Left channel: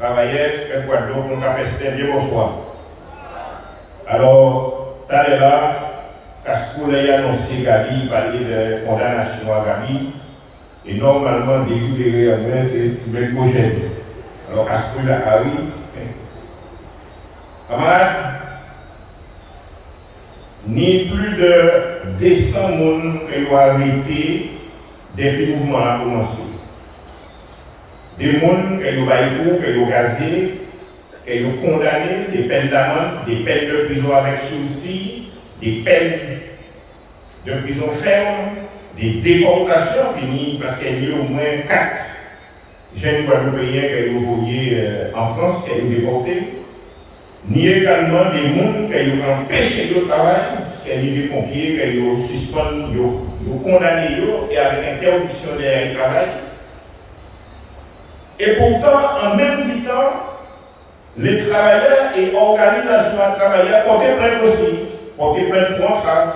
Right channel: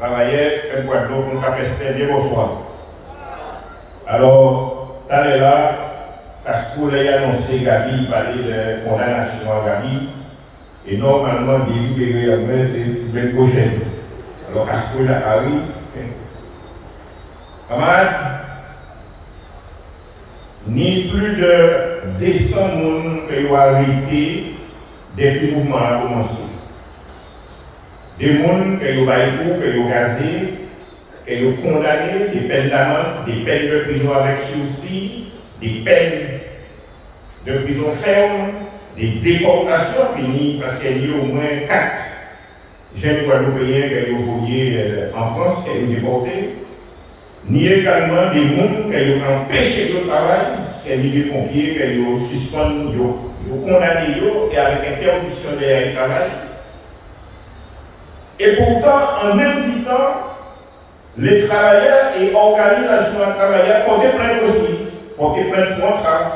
travaillait à Guadeloupe pour Capestin, bien bonsoir. Alors, tout à l'heure, Caspoul a annoncé Gabi, parler de condamnation à Gabi, et normalement, délibéré en mai, c'est semaine prochaine. Alors, Caspoul a arrivé. Camarades, ni plus de 200 personnes qui ont arrêté depuis le mouvement a commencé. Des gens qui ont baillé, qui ont gazé, qui ont condamné, des peines d'amende, des peines de prison avec sursis, des peines de prison ferme, des déportations finies, parce qu'il y a au moins 4 jeunes Guadeloupéens qui ont volé en France, qui ont déportés. Ni également des gens qui ont empêché le travail, parce qu'il y a des pompiers qui ont suspendu, ont condamné et avec interdiction de travail. Et pourtant, en même temps, les travailleurs et organisations de travailleurs portaient plainte aussi, portaient plainte pour entrave,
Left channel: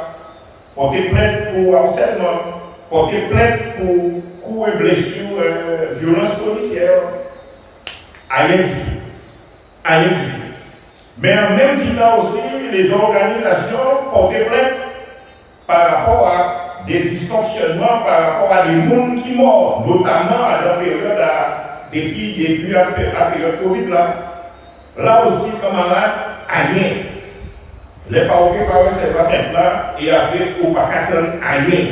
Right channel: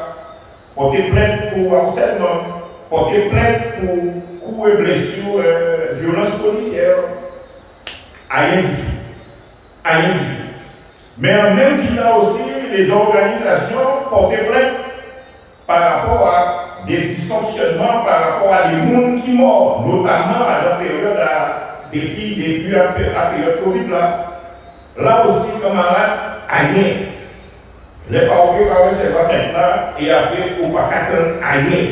portaient plainte pour harcèlement, portaient plainte pour coups et blessures, violences policières. Rien dit. Mais en même temps aussi, les organisations portaient plainte par rapport à des dysfonctionnements, par rapport à des gens qui meurent, notamment à la période, depuis la période Covid là. Là aussi, camarades, rien. Les parents par recevoir maintenant et après, on ne va pas attendre rien.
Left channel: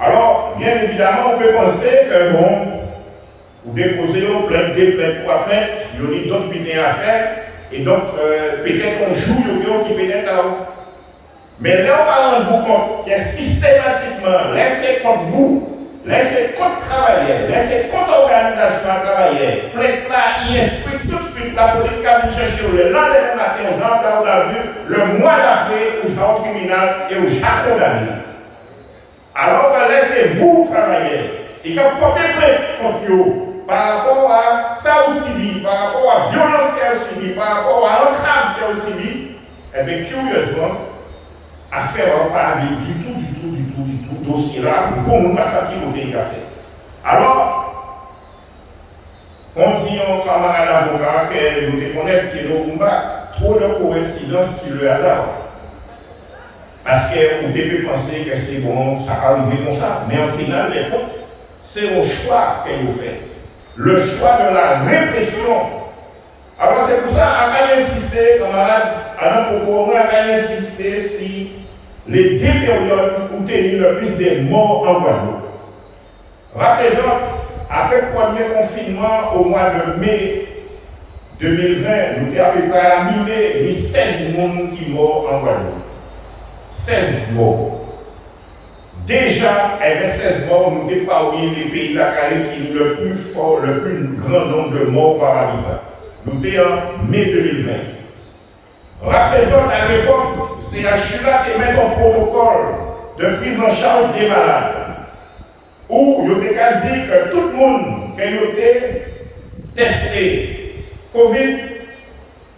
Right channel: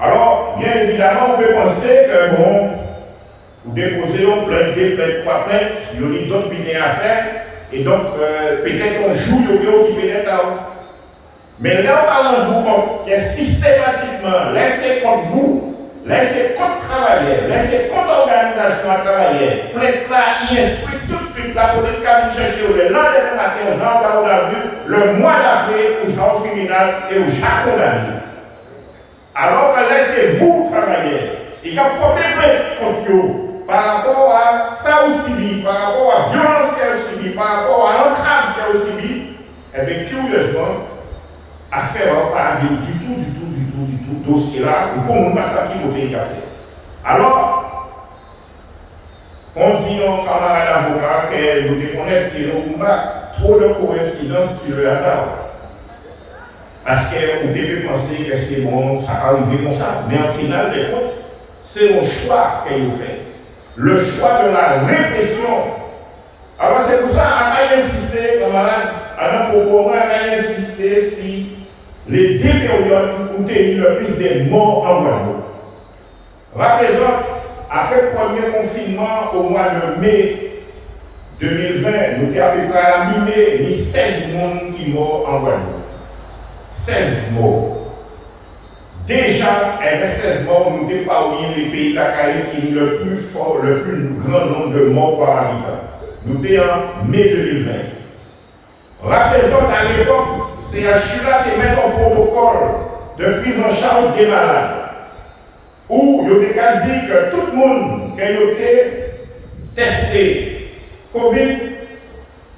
Alors, bien évidemment, on peut penser que bon, vous déposez une plainte, 2 plaintes, 3 plaintes, il y a d'autres bulletins à faire. Et donc, peut-être on joue qui peut-être là. Mais là, on va rendre vous compte que systématiquement, laissez contre vous, laissez contre travailleurs, laissez contre organisation à travailler, plainte là, y instruit tout de suite la police qui a venu chercher le lendemain matin, au genre on a vu, le mois d'après, au genre tribunal et au genre condamné. Alors que laissez-vous travailler et quand portez plainte contre vous, par rapport à ça aussi subi, par rapport à la violence qu'elle a subi, par rapport à l'entrave qu'elle a subi, eh bien, curieusement, affaire n'a pas avis du tout, dossier là, nous ne pouvons pas savoir qui côté il a fait. Alors, on dit aux camarades avocats que nous déconnectons c'est nos combats, trop de coïncidences sur le hasard. Parce qu'on peut penser que c'est bon, ça va arriver comme ça, mais en final des comptes, c'est un choix qu'elle a fait. Le choix de la répression. Alors c'est pour ça qu'on a insisté, camarades, à notre propos, on a insisté si les 2 périodes où il y a eu le plus de morts en Guadeloupe. Rappelez-vous, après le premier confinement au mois de mai 2020, nous avons à peu près à la mi-mai, 16 personnes qui sont morts en Guadeloupe. 16 morts. Déjà, avec 16 morts, nous sommes parmi les pays de la Caraïbe qui ont le plus fort, le plus grand nombre de morts par habitant. Nous sommes en mai 2020. Rappelez-vous à l'époque, CHU là qui met un protocole de prise en charge des malades. Où il y a dit que tout le monde qui a été testé Covid,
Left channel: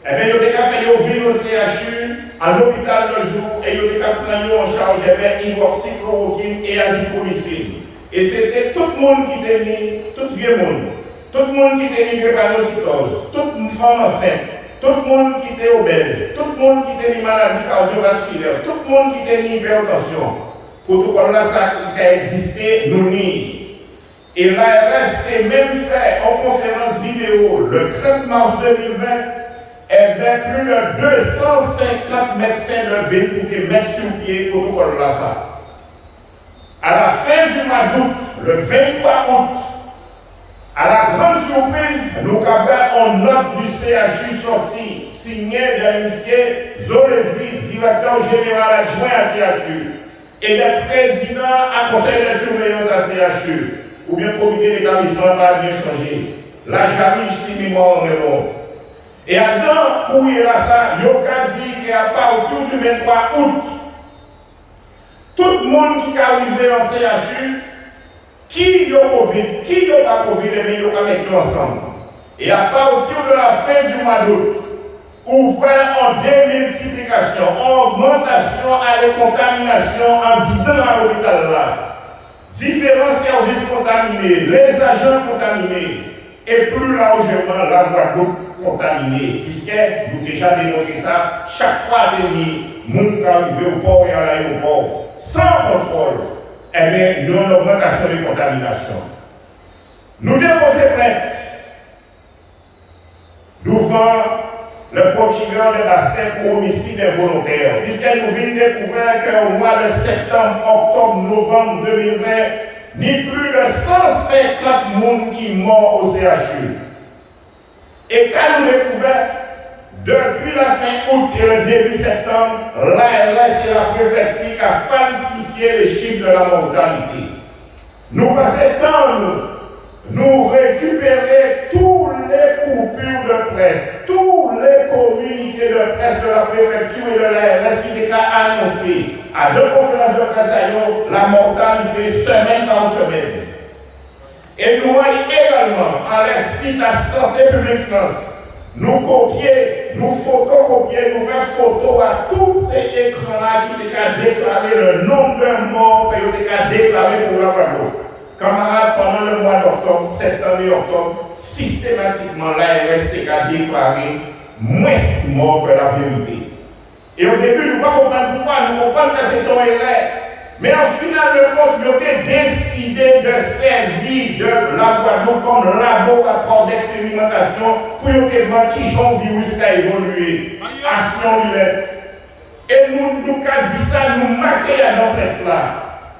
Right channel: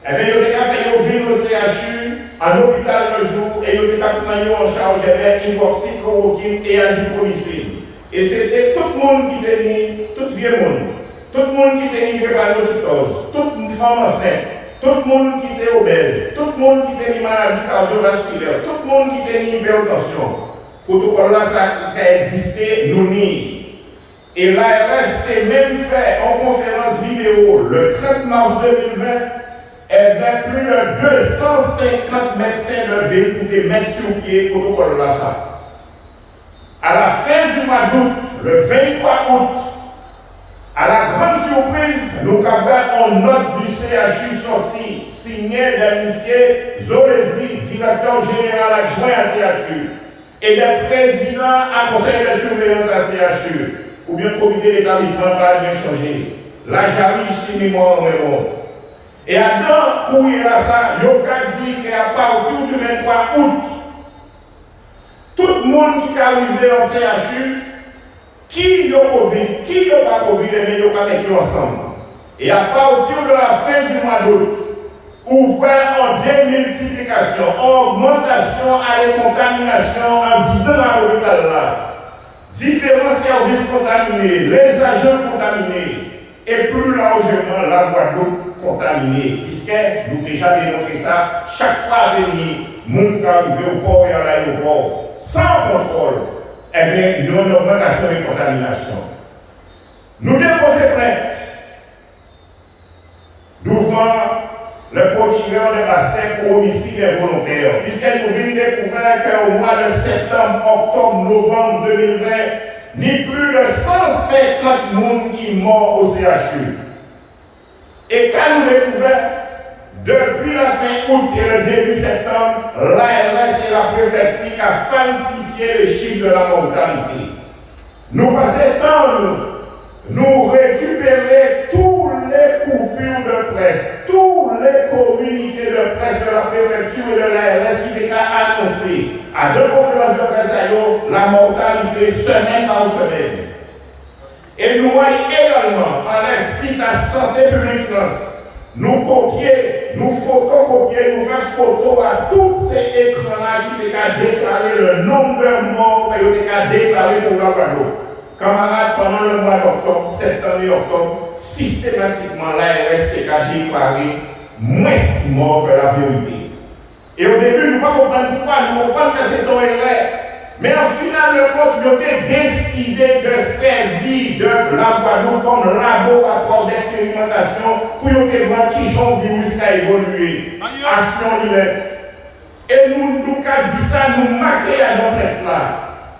eh bien, il y a fait venir au CHU en hôpital le jour et il y a pris en charge avec hydroxychloroquine et azithromycine. Et c'était tout le monde qui était mis, tout vieux monde, tout le monde qui était mis drépanocytose, toute une femme enceinte, tout le monde qui était obèse, tout le monde qui était mis maladie cardiovasculaire, tout le monde qui était mis hypertension. Protocole là, ça qui a existé, nous nie. Et l'ARS a même fait en conférence vidéo le 30 mars 2020. Elle avait plus de 250 médecins de ville pour des mettre sur pied protocole là ça. À la fin du mois d'août, le 23 août, à la grande surprise, nous avons une note du CHU sortie, signée d'un monsieur Zolesi, directeur général adjoint à CHU, et des présidents à conseil de surveillance à CHU, ou bien comité d'établissement va bien changer. La jarige, si mémoire en répond. Et à courrier là ça, Yoka dit qu'à partir du 23 août, tout le monde qui est arrivé en CHU, qui a Covid, qui n'a pas Covid, mais ils ont mis ensemble. Et à partir de la fin du mois d'août, ouvert en démultiplication, en augmentation à la contamination en 10 ans à l'hôpital là. Différents services contaminés, les agents contaminés. et plus largement la Guadeloupe contaminée, puisque nous déjà démontré ça, chaque fois que nous arrivons au port et à l'aéroport, sans contrôle, eh bien, nous avons une augmentation de contamination. Nous déposons plainte devant le procureur de Bastille pour homicide involontaire, puisque nous venons découvrir qu'au mois de septembre, octobre, novembre 2020, ni plus de 150 personnes qui sont morts au CHU. Et quand nous découvrons, depuis la fin août et le début septembre, l'ARS et la préfecture ont falsifié les chiffres de la mortalité. Nous passons temps, nous récupérer tous les coupures de presse, tous les communiqués de presse de la préfecture et de l'ARS qui étaient annoncés à deux conférences de presse à eux, la mortalité semaine par semaine. Et nous voyons également à la site à Santé publique France, nous copier, nous photocopier, nous faire photo à tous ces écrans-là qui étaient déclaré le nombre de morts qui étaient déclarés pour la Guadeloupe. Camarades, pendant le mois d'octobre, septembre et octobre, systématiquement, l'ARS a déclaré moins morts que la vérité. Et au début, nous ne comprenons pas pourquoi, nous comprenons que c'est un erreur. Mais en final de compte, ils ont décidé de servir de la Guadeloupe comme laboratoire d'expérimentation pour voir qui son virus a évolué. Action Lilette. Et nous avons dit ça, nous marquons à l'emplette là.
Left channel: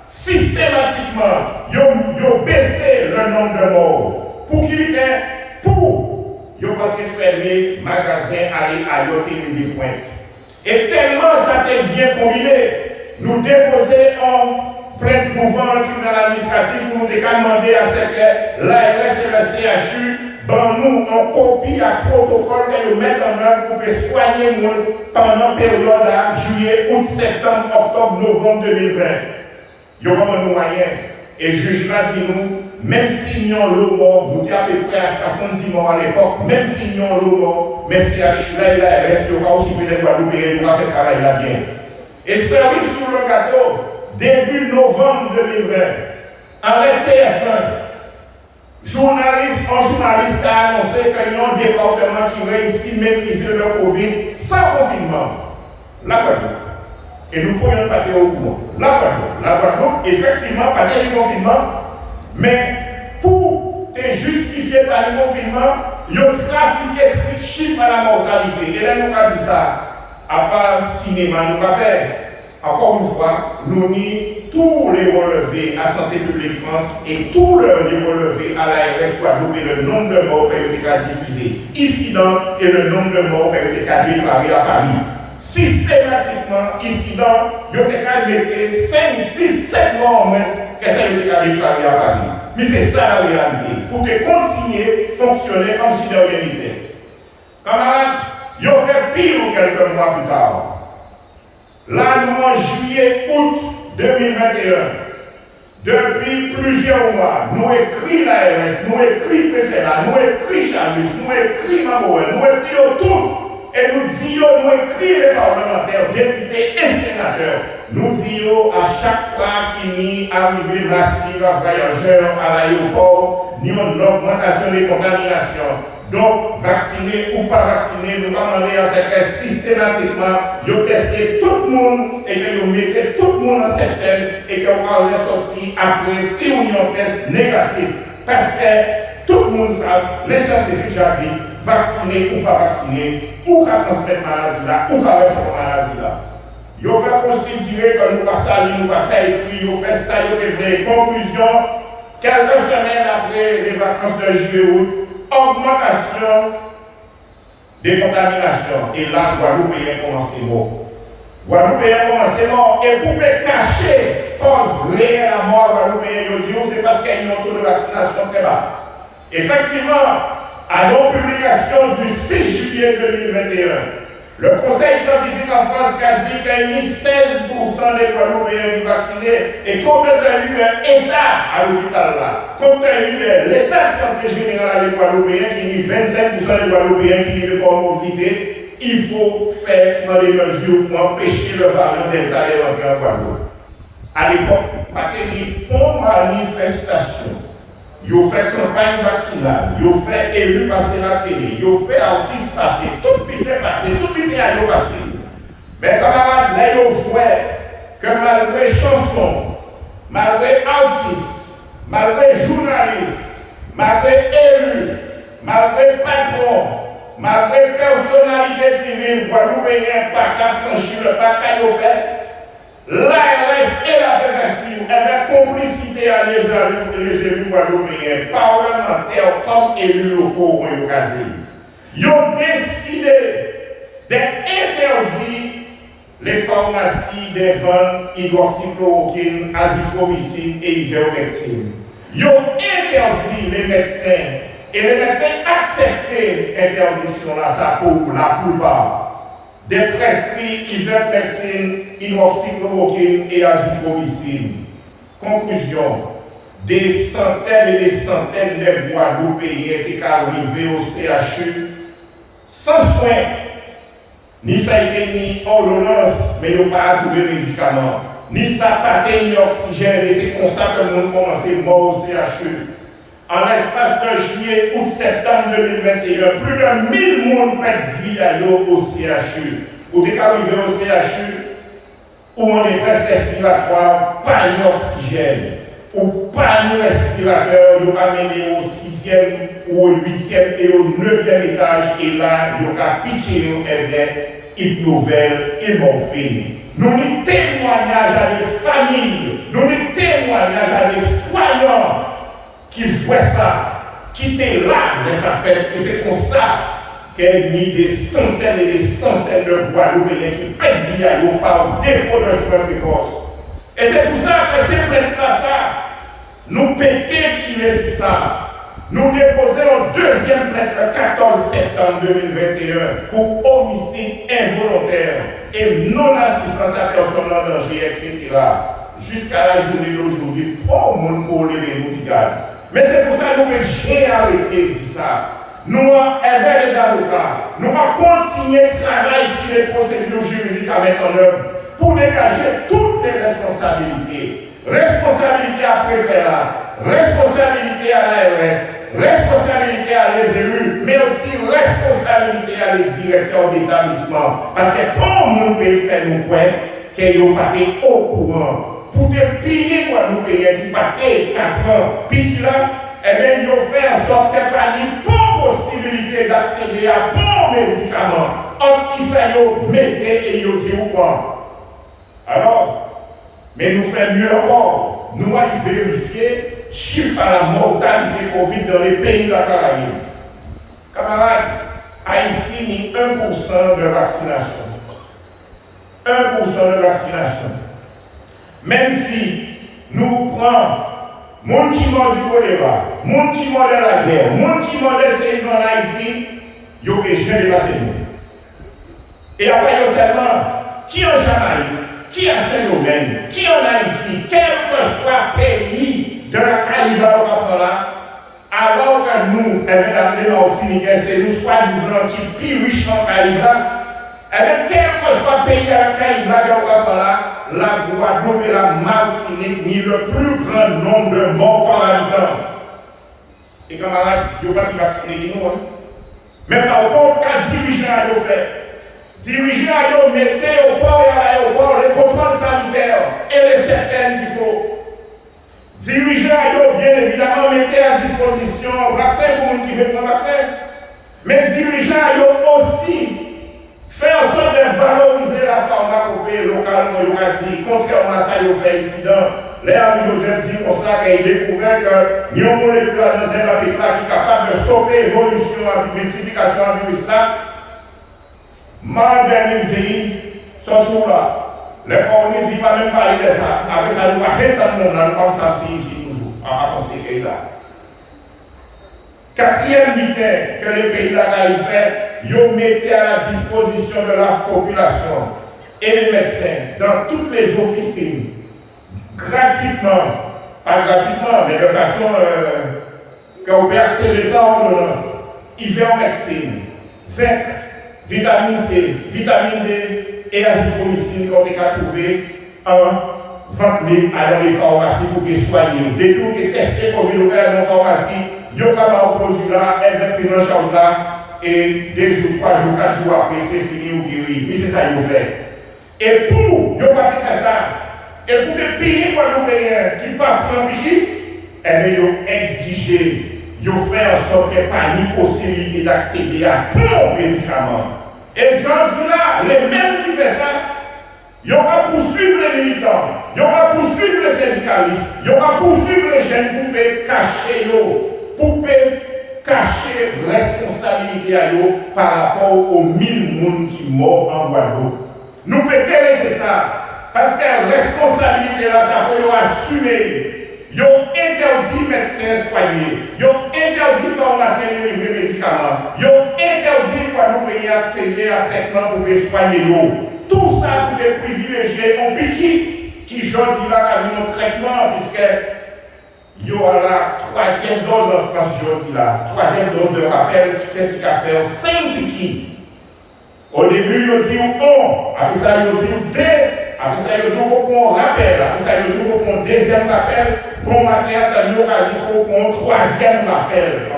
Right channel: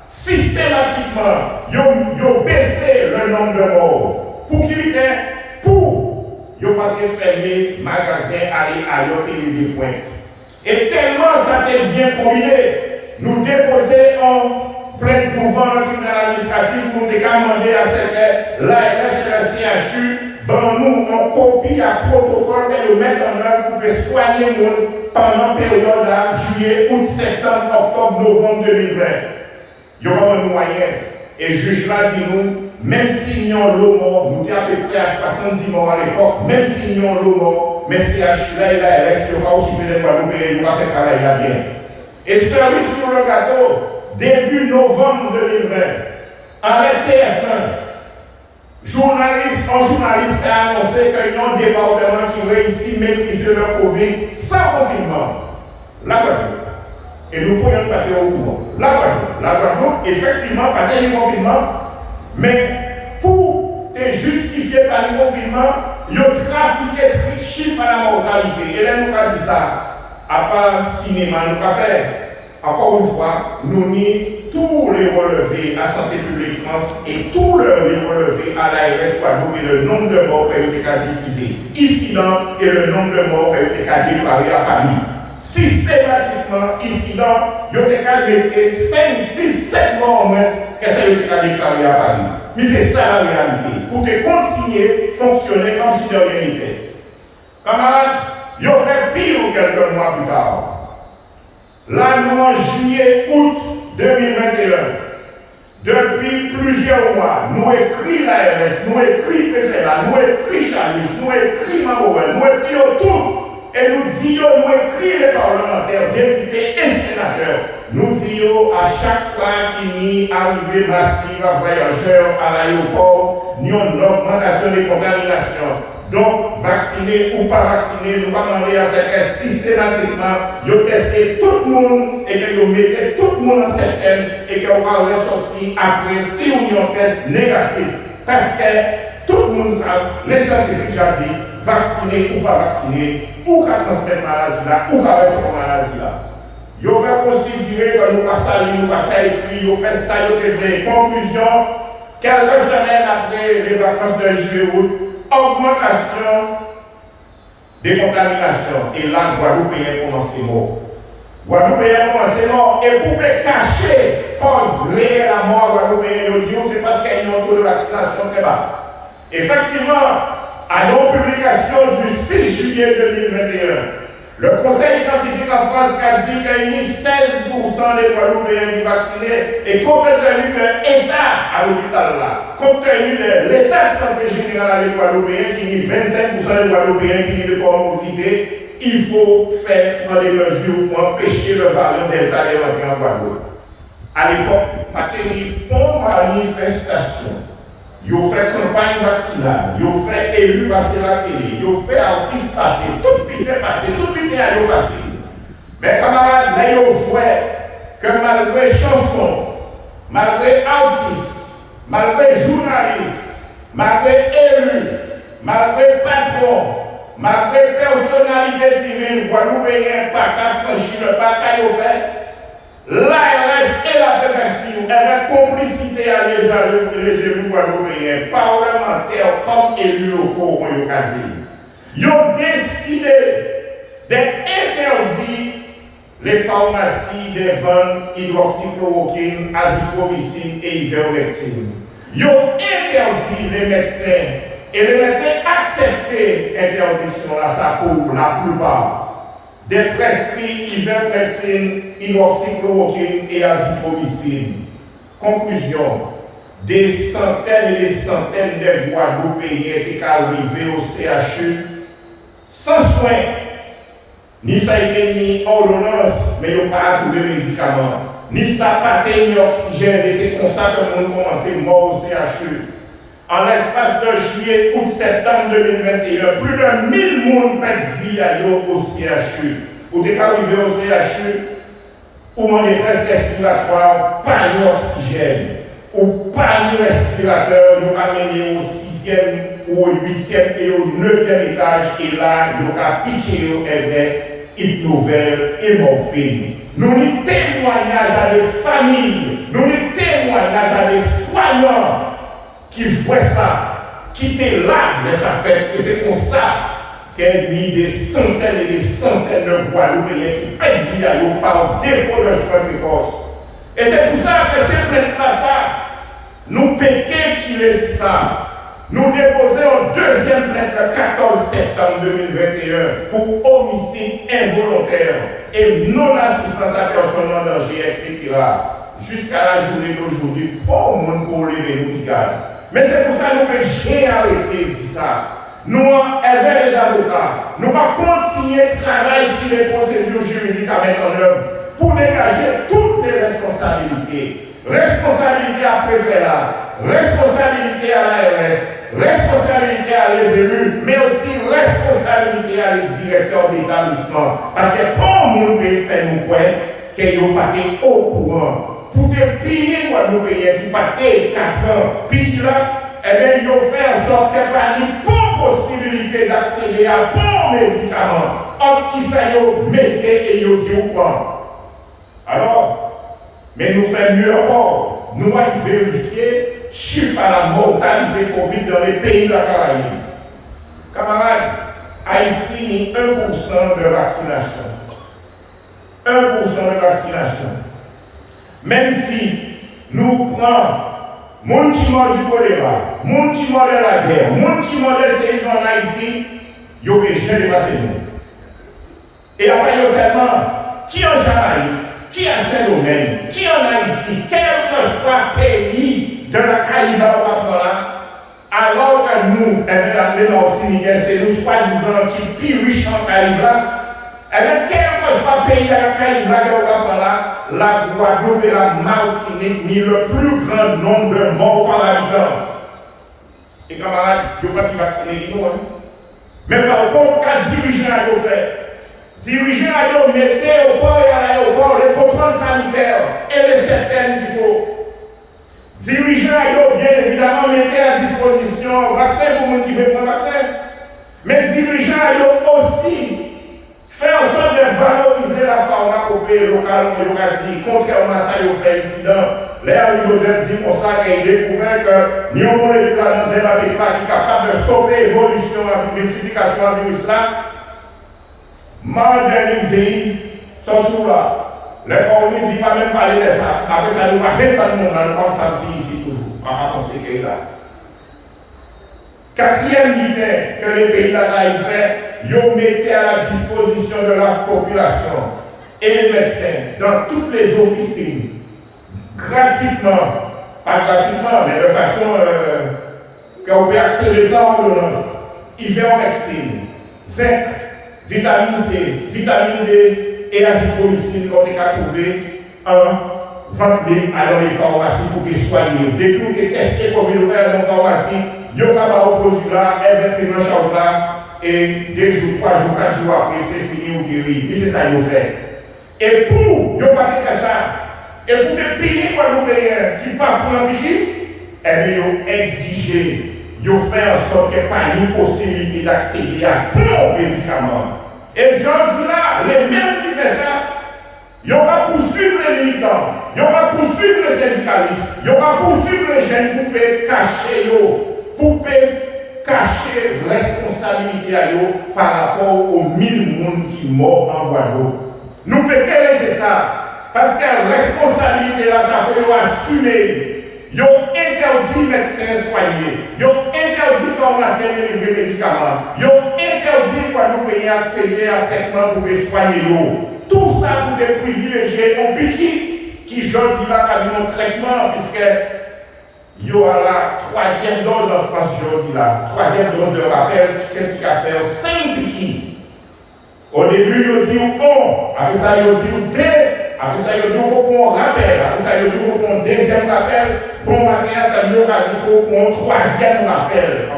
Systématiquement, ils ont baissé le nombre de morts. Pour qui pour ils n'ont pas fermé magasin, aller à l'autre des points. Et tellement ça a été bien combiné, nous déposer en plainte devant le tribunal administratif, nous avons demandé à ce que l'ARS et le CHU, nous en copie à protocole et nous mettre en œuvre pour soigner les gens pendant la période de juillet, août, septembre, octobre, novembre 2020. Il n'y a pas de moyens. Et le juge là dit nous, même si nous avons l'eau mort, nous sommes à peu près à 70 morts à l'époque, même si nous avons l'eau mort, mais si CHU là et l'ARS, il va occuper les Guadeloupéens, il va faire travail là bien. Et cerise sur le gâteau, début novembre 2020, à la TF1, journaliste a annoncé qu'il y a un département qui réussit à maîtriser le Covid sans confinement. La Guadeloupe. Et nous pourrions pas au courant. La Guadeloupe, effectivement, pas de confinement, mais pour te justifier par le confinement, ils ont trafiqué de chiffres à la mortalité. Et là, nous avons dit ça. À part cinéma, nous avons fait. Encore une fois, nous nions tous les relevés à Santé publique France et tous les relevés à l'ARS Guadeloupe et le nombre de morts qui ont été diffusés ici et le nombre de morts qui ont été déclarés à Paris. Systématiquement, ici ils ont été mettre 5, 6, 7 morts en moins que ça a été déclaré à Paris. Mais c'est ça la réalité. Pour te continuer à fonctionner comme si de rien n'était. Camarades, ils ont fait pire quelques mois plus tard. Là, nous, en juillet, août 2021, depuis plusieurs mois, nous écrit l'ARS, nous écrit PFNA, nous écrit Chalus, nous écrit Mabouen, nous écrit tout. Et nous disons, nous écrit les parlementaires, députés et sénateurs. Nous disons à chaque fois qu'il y a arrivée massive à voyageurs à l'aéroport, nous avons une augmentation des contaminations. Donc, vacciné ou pas vacciné, nous pas demander à ce que systématiquement, ils testent tout le monde et que ils mettent tout le monde en certaine et qu'on va ressortir après si on a un test négatif. Parce que tout le monde sait, les scientifiques j'ai dit, vacciné ou pas vacciné, ou qu'à transmettre maladie là, ou qu'à rester maladie là. Ils ont fait considérer que nous passons à lire, nous passons à écrire, ils ont fait ça, ils ont fait conclusion, quelques semaines après les vacances de juillet-août, augmentation des contaminations. Et là, Guadeloupéens commencent mort. Guadeloupéens commencent mort. Et pour cacher cause réelle à mort Guadeloupéens, c'est parce qu'il y a un taux de vaccination très bas. Effectivement, à nos publications du 6 juillet 2021, le Conseil scientifique en France a dit qu'il y a 16% des Guadeloupéens qui sont vaccinés et compte tenu de l'état à l'hôpital là, compte tenu de l'état de santé générale des Guadeloupéens qui dit 25% des Guadeloupéens qui dit de comorbidité, il faut prendre des mesures pour empêcher le variant Delta de rentrer en Guadeloupe. À l'époque, pas qu'il y ait une manifestation. ils fait campagne vaccinale, ils fait élu passer la télé, ils fait artiste passer, tout bité passé, tout bité à yo passé. Mais camarades, là ils voient que malgré chansons, malgré artistes, malgré journalistes, malgré élus, malgré patrons, malgré personnalité civile, Guadeloupéen, pas qu'à franchir le pas qu'à yo fait. L'ARS et la préfecture, avec complicité à les élus guadeloupéens, parlementaires comme élus locaux, ils ont décidé d'interdire les pharmacies des ventes hydroxychloroquine, azithromycine et ivermectine. Ils ont interdit les médecins et les médecins accepté l'interdiction là, ça pour la plupart. Des prescrits ivermectine, hydroxychloroquine et azithromycine. Conclusion, des centaines et des centaines de Guadeloupéens étaient arrivés au CHU sans soin, ni ça ni ordonnance, mais ils n'ont pas trouvé de médicaments, ni sapaté, ni oxygène, et c'est comme ça que nous commençons à mort au CHU. En l'espace de juillet, août, septembre 2021, plus de 1000 personnes perdent vie au CHU. Ou t'es arrivé au CHU, ou en détresse respiratoire, pas d'oxygène, ou pas de respirateur, vous amené au 6e, ou au 8e et au 9e étage, et là, vous avez piqué au hypnovel et morphine. Nous avons témoignage à des familles, nous avons témoignage à des soignants qui voient ça, qui étaient là de sa fête, et c'est comme ça qu'elle a mis des centaines et des centaines de Guadeloupéens qui perdent vie à eux par défaut de soins précoces. Et c'est pour ça que ces prêtres-là, nous péquons qui ça. Nous déposons un deuxième plainte le 14 septembre 2021 pour homicide involontaire et non-assistance à personne en danger, etc. Jusqu'à la journée d'aujourd'hui, pas au monde pour lever nous dire. Mais c'est pour ça que nous j'ai arrêté de dire ça. Nous, avec les avocats, nous allons continuer de travailler sur les procédures juridiques à mettre en œuvre pour dégager toutes les responsabilités. Responsabilité à préfet, responsabilité à l'ARS, responsabilité à les élus, mais aussi responsabilité à les directeurs d'établissement. Parce que tout le monde peut faire nos points qu'ils n'ont pas été au courant. Pour te payer quoi nous payer qui pas 4 ans, puis là, eh bien, ils ont fait en sorte qu'il n'y ait pas une bonne possibilité d'accéder à bons médicaments. Or, qui ça y est, mettez et ils dit ou quoi. Alors, mais nous faisons mieux encore. Nous allons vérifier chiffre à la mortalité Covid dans les pays de la Caraïbe. Camarades, Haïti n'a 1% de vaccination. 1% de vaccination. Même si nous prenons monde qui mord du choléra, monde qui mord de la guerre, monde qui mord de séismes en Haïti, ils ont jamais dépassé nous. Et après, seulement, qui en Jamaïque, qui en Saint-Domingue, qui en Haïti, quel que soit le pays de la Caraïbe là, alors que nous, les Martiniquais, c'est nous soi-disant qui plus riches en Caraïbe là, et bien, quel que soit le pays de la Caraïbe là, la Guadeloupe et la Martinique ni le plus grand nombre de morts par habitant. Et camarades, ils n'ont pas de vacciner nous. Mais par contre, quand les dirigeants ont fait, dirigeants ont mis au port et à l'aéroport les contrôles sanitaires et les certaines qu'il faut. Dirigeants ont bien évidemment mis à disposition un vaccin pour les gens qui veulent prendre un vaccin. Mais dirigeants ont aussi fait en sorte de valoriser la pharmacopée locale, contrairement à ça, ils ont fait incident. Là, Joseph dit pour ça qu'il a découvert que nous avons une molécule à qui est capable de stopper l'évolution et la multiplication du virus là. Moderniser ce jour-là. Le corps ne dit pas même parler de ça. Après ça, nous ne pouvons pas monde là, nous comme ça ici toujours. On va penser qu'il est là. Quatrième bitin que les pays de la Caraïbe fait, ils mettent à la disposition de la population et les médecins dans toutes les officines, gratuitement, pas gratuitement, mais de façon qu'on peut accéder sans ordonnance, ivermectine, zinc, vitamine C, vitamine D et azithromycine qu'on peut trouver en vendre dans les pharmacies pour qu'ils soient. Dès que vous testez communautaire dans les pharmacies, vous avez un produit là, elle est prise en charge là, et 2 jours, 3 jours, 4 jours après, c'est fini ou guéri. Mais c'est ça qu'ils ont fait. Et pour, ils n'ont pas fait ça. Et pour te payer pour les Européens qui ne pas prendre piquet, eh bien, ils ont exigé, ils ont fait en sorte qu'il n'y ait pas ni possibilité d'accéder à bons médicaments. Et j'en dis là, les mêmes qui font ça, ils vont poursuivre les militants, ils vont poursuivre les syndicalistes, ils vont poursuivre les jeunes pour cacher responsabilité à eux par rapport aux 1000 personnes qui morts en Guadeloupe. Nous pouvons laisser ça. Parce que la responsabilité là, ça faut assumer. Ils ont interdit médecins soigner. Ils ont interdit pharmaciens de livrer médicaments. Ils ont interdit pour nous payer accéder à traitement pour les soigner. Tout ça pour des privilégiés ont piqué qui aujourd'hui là a vu un traitement puisque il y aura la 3e dose en France aujourd'hui là. 3e dose de rappel, qu'est-ce qu'il a fait? 5 piquets. Au début, ils ont dit bon, après ça, ils ont dit 2. Après ça, il faut qu'on rappelle. Après ça, il faut qu'on 2e rappel. Bon matin, il faut qu'on 3e rappel.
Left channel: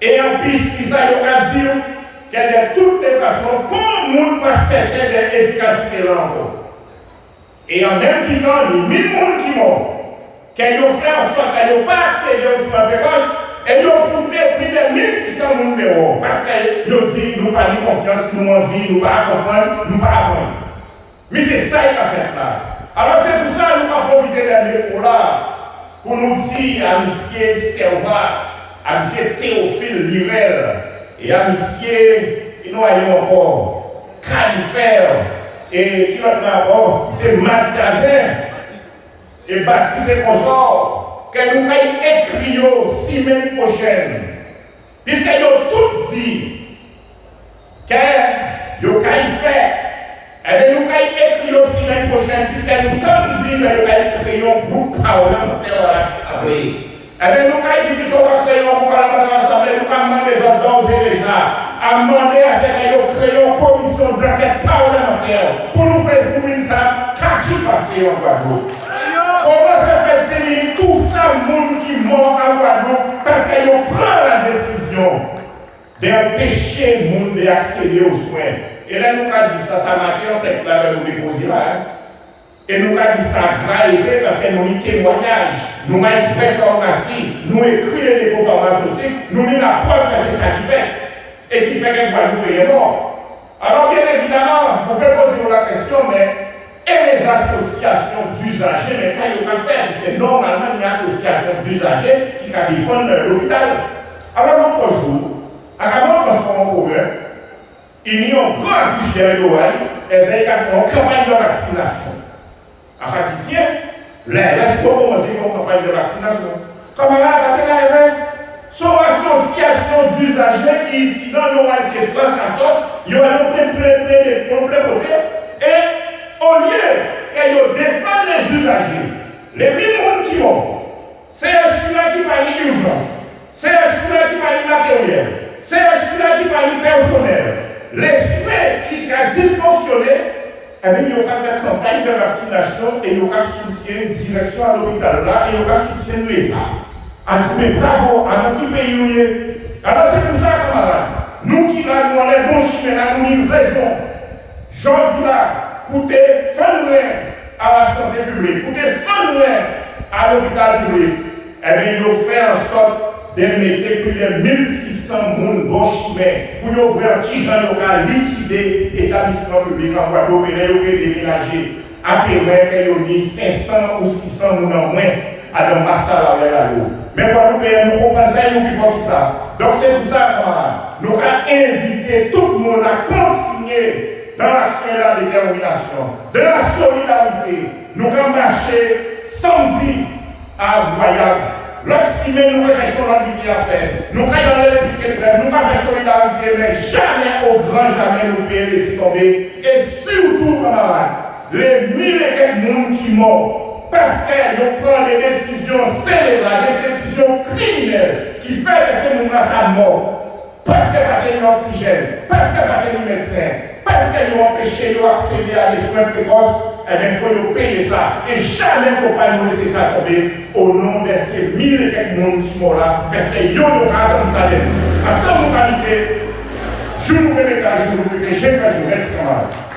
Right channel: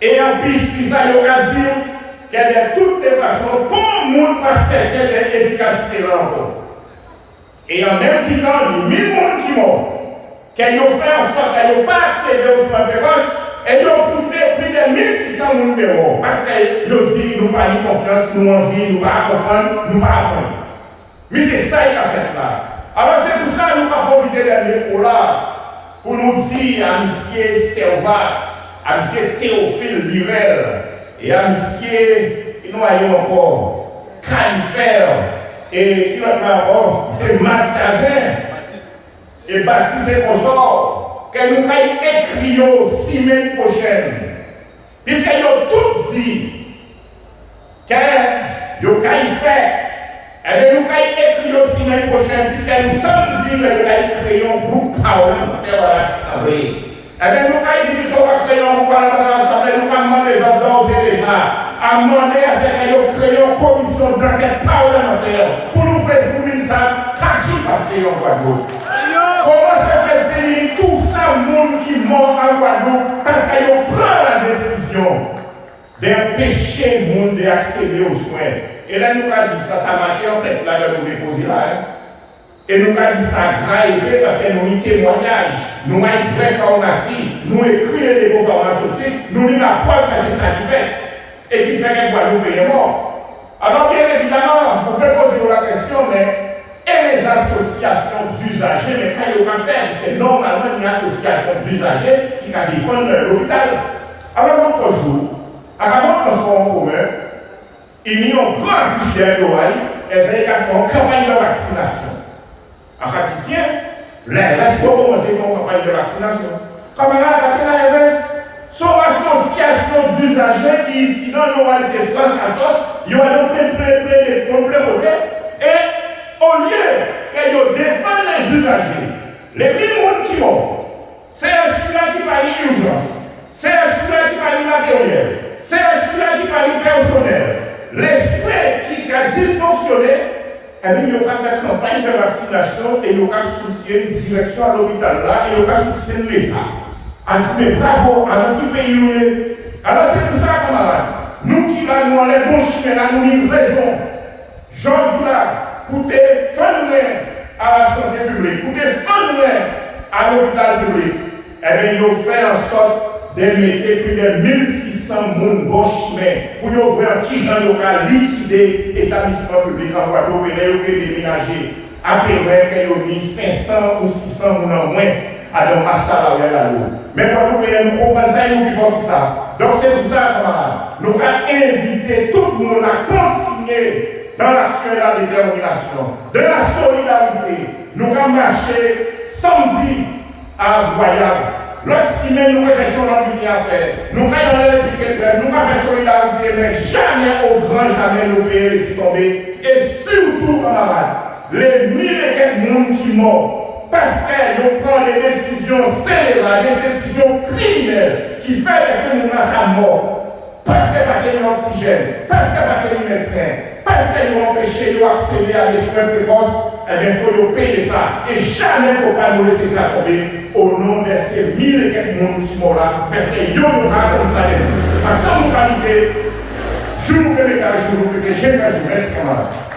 Et en plus, il a dit que de toutes les façons, pour le monde pas certain de l'efficacité là encore. Et en même temps, il y a 1000 personnes qui meurent. Qu'ils ont fait en sorte qu'ils n'ont pas accédé aux soins précoces. Et ils ont foutu plus de 1600 personnes dehors. Parce qu'ils ont dit, nous pas de confiance, nous envie, nous pas comprendre, nous pas apprendre. Mais c'est ça qu'il a fait là. Alors c'est pour ça que nous avons profité de micro là pour nous dire à M. Servat, à M. Théophile Lirel et à M. qui nous avons encore Califère et qui l'autre encore, c'est Mathiazin et Baptiste Consort que nous allons écrire semaine prochaine. Puisqu'ils ont tout dit que nous allons faire. Eh bien, nous allons écrire aussi l'année prochaine, puisque nous avons dit que nous allons créer un groupe parlementaire à l'Assemblée. Eh bien, nous allons dire que nous allons créer un groupe parlementaire à l'Assemblée, nous allons demander les hommes d'ores et déjà à demander à ce que nous créions une commission d'enquête parlementaire pour nous faire découvrir ça, qu'est-ce qui passe en Guadeloupe. Comment ça fait tout ça, le monde qui mort en Guadeloupe, parce qu'ils prennent la décision d'empêcher le monde d'accéder aux soins. Et là, nous avons dit ça, ça m'a fait en fait, là, nous déposer là. Et nous avons dit ça grave parce que nous avons un témoignage, nous avons une vraie pharmacie, nous écrivons les dépôts pharmaceutiques, nous avons la preuve que c'est ça qui fait. Et qui fait que Guadeloupe est mort. Alors, bien évidemment, vous pouvez poser la question, mais et les associations d'usagers, mais quand il y a faire, parce que normalement, il y a une association d'usagers qui défendent l'hôpital. Alors, l'autre jour, avant le transport en commun, il y a un grand affiche derrière l'oreille et il y a fait une campagne de vaccination. En fait, tiens, l'ARS va commencer à faire une campagne de vaccination. Comment on a l'ARS? Son association d'usagers qui ici dans nos c'est France à sauce, il y a plein côté. Et au lieu qu'ils défendent les usagers, les 1000 personnes qui meurent, c'est un chula qui parle d'urgence, c'est un chula qui parle de matériel, c'est un chula qui parle de personnel. Les soins qui ont dysfonctionné, eh bien, ils ont fait campagne de vaccination et ils ont soutenu une direction à l'hôpital là et ils ont soutenu l'État. A dit, mais bravo, à nous qui payons. Alors c'est pour ça, camarades, nous qui là, nous allons bon chemin, là, nous avons raison. J'en dis là, pour défendre à la santé publique, pour défendre à l'hôpital public, eh bien, ils ont fait en sorte de mettre plus de 1600 personnes bon chemin pour ouvrir un petit genre local liquider l'établissement public en Guadeloupe et les déménager à terrain qu'ils ont mis 500 ou 600 personnes en moins à dans masse salariale. Mais Guadeloupe, nous comprenons ça et nous vivons tout ça. Donc c'est pour ça, camarades, nous avons invité tout le monde à consigner dans l'action et la détermination, de la solidarité. Nous avons marché samedi à Guayave. L'autre semaine, nous recherchons notre ligne à faire. Nous avons allé les piquets de grève, nous avons fait solidarité, mais jamais, au grand jamais, nous pouvons laisser tomber. Et surtout, camarades, les 1000 et quelques personnes qui meurent, parce qu'ils prennent des décisions scélérates, des décisions criminelles, qui font que ces gens-là sont morts. Parce qu'il n'y a pas d'oxygène, parce qu'il n'y a pas de médecin, parce qu'ils ont empêché d'accéder à des soins précoces, eh bien, il faut payer ça. Et jamais il ne faut pas nous laisser ça tomber au nom de ces mille et quelques personnes qui sont là. Parce que yo nous pas comme ça. Parce que nous pas jour nous jour, nous merci camarade.